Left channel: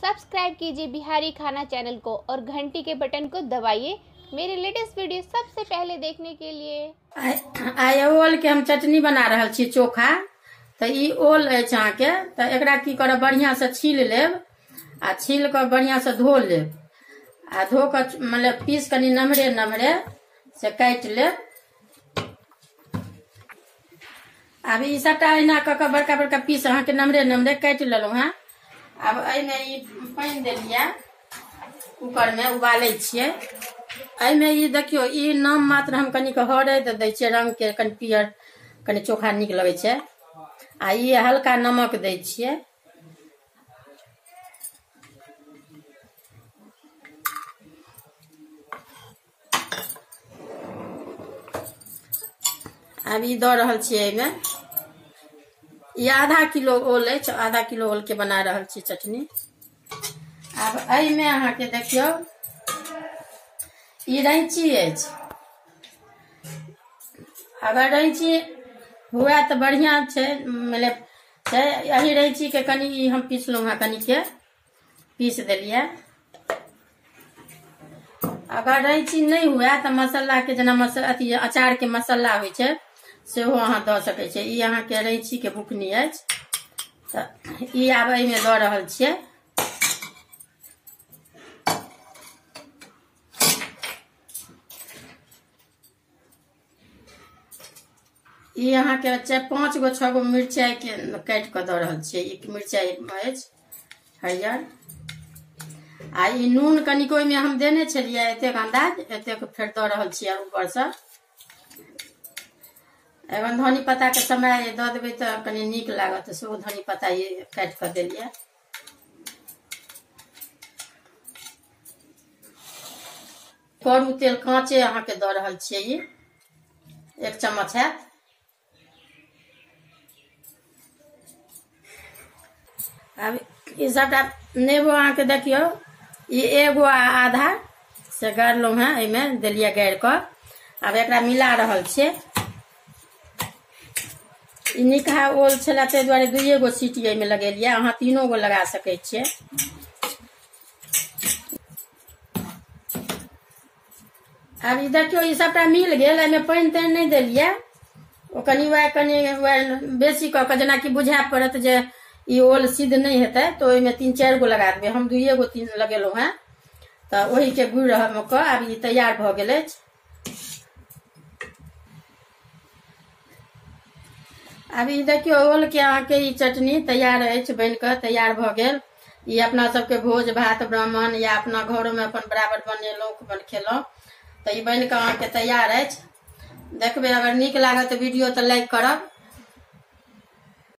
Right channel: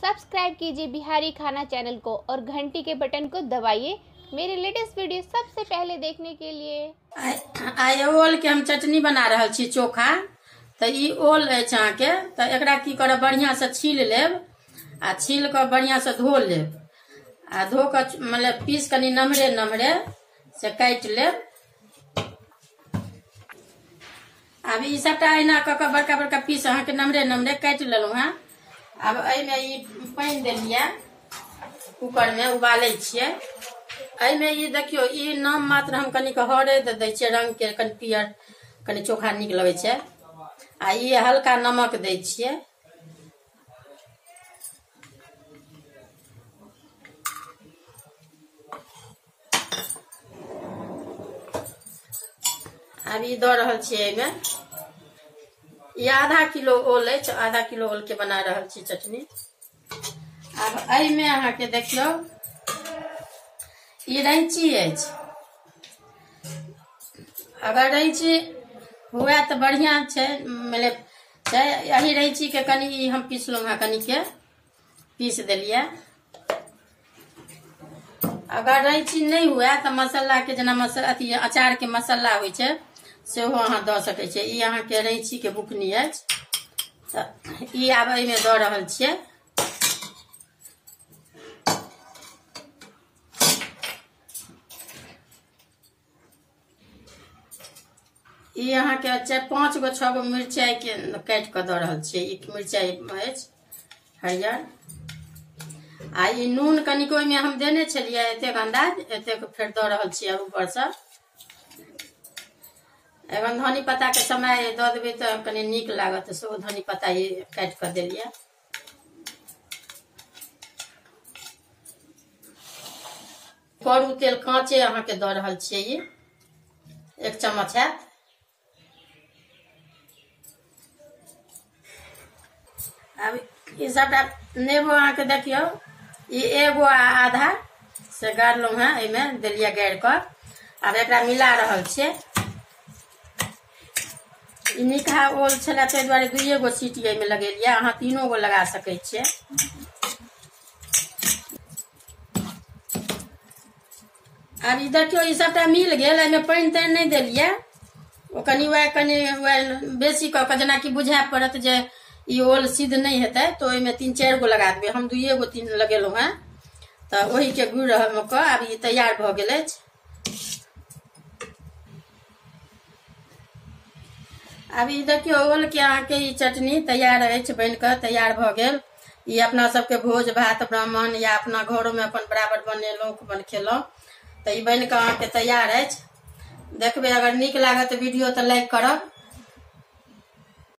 Subscribe कीजिए बिहारी खाना channel को और घंटी के बटन को दबाइए मेरे लेटेस्ट वीडियो सबसे पहले देखने के लिए। आइ ओल के हम चटनी बना रहल छी चोखा। तो ई ओल अछि अहाँके, तो एकरा की करब बढ़िया से छील लेब आ छील कर बढ़िया से धो लेब आ धो कर मतलब पीस कनी नमहरे नमहरे से काट लेब। अब ई सबटा अहिना कऽ बड़का बड़का पीस अहाँके नमहरे नमहरे काट लेलहुँ हैं। अब एहिमे ई पानि देलियै कुकर में उबालै छियै। एहिमे ई देखियो ई नाम मात्र हम कनी हरैद दै छियै, रंग के कनी पियर कनी चोखा नीक लगै छै। आ ई हल्का नमक दै छियै। अब ई दऽ रहल छियै एहिमे। ई आधा किलो ओल अछि, आधा किलो ओल के बना रहल छी चटनी। अब एहिमे अहाँके देखियो ई रैंची अछि। अगर रैंची हुए तो बढ़िया छै, मतलब छै। यही रैंची के कनी हम पीसलहुँ हैं, कनी के पीस देलियै। अगर रैंची नहीं हुए तो मसाला के जेना अथी अचार के मसाला होइ छै सेहो अहाँ दऽ सकै छियै। ई अहाँके रैंची के बुकनी अछि, तऽ ई आब एहिमे दऽ रहल छियै। ई अहाँके 4-5 गो 6 गो मिरचाई के काटि कऽ दऽ रहल छियै। ई मिरचाई अछि हरियर। आ ई नून कनिक ओहिमे हम देने छलियै, एतेक अंदाज एतेक फेर दऽ रहल छियै ऊपर से। एवं धनी पत्ता के समय दऽ देबै तऽ कनी नीक लागत, सेहो धनी पत्ता ई काटि कऽ देलियै। करू तेल काँचे अहाँके दऽ रहल छियै। ई 1 चम्मच हैत। अब ई सबटा नेबो अहाँके देखियो ई एगो आधा से गाड़लहुँ हैं, एहिमे देलियै गाड़ि कऽ। आब एकरा मिला रहल छियै। ई निकहा ओल छलै ताहि दुआरे 2 गो सीटी एहिमे लगेलियै, अहाँ 3 गो लगा सकै छियै। अब ई देखियो ई सबटा मिल गेल। एहिमे पानि तानि नहीं देलियै, ओ कनी बेसी कऽ के जेनाकि बुझाए पड़त जे ई ओल सिद्ध नहीं हेतै तो ओहिमे 3-4 गो लगा देबै। हम 2 गो 3 लगेलहुँ हैं, तऽ ओही के गुड़ कऽ आब ई तैयार भऽ गेल अछि। अब ई देखियो ओल के अहाँके ई चटनी तैयार अछि, बनि कऽ तैयार भऽ गेल। ई अपना सबके भोज भात ब्राह्मण या अपना घरों में अपन बराबर बनेलहुँ अपन खेलहुँ, तऽ ई बनि कऽ अहाँके तैयार अछि। देखबै अगर नीक लागत वीडियो तऽ लाइक करब।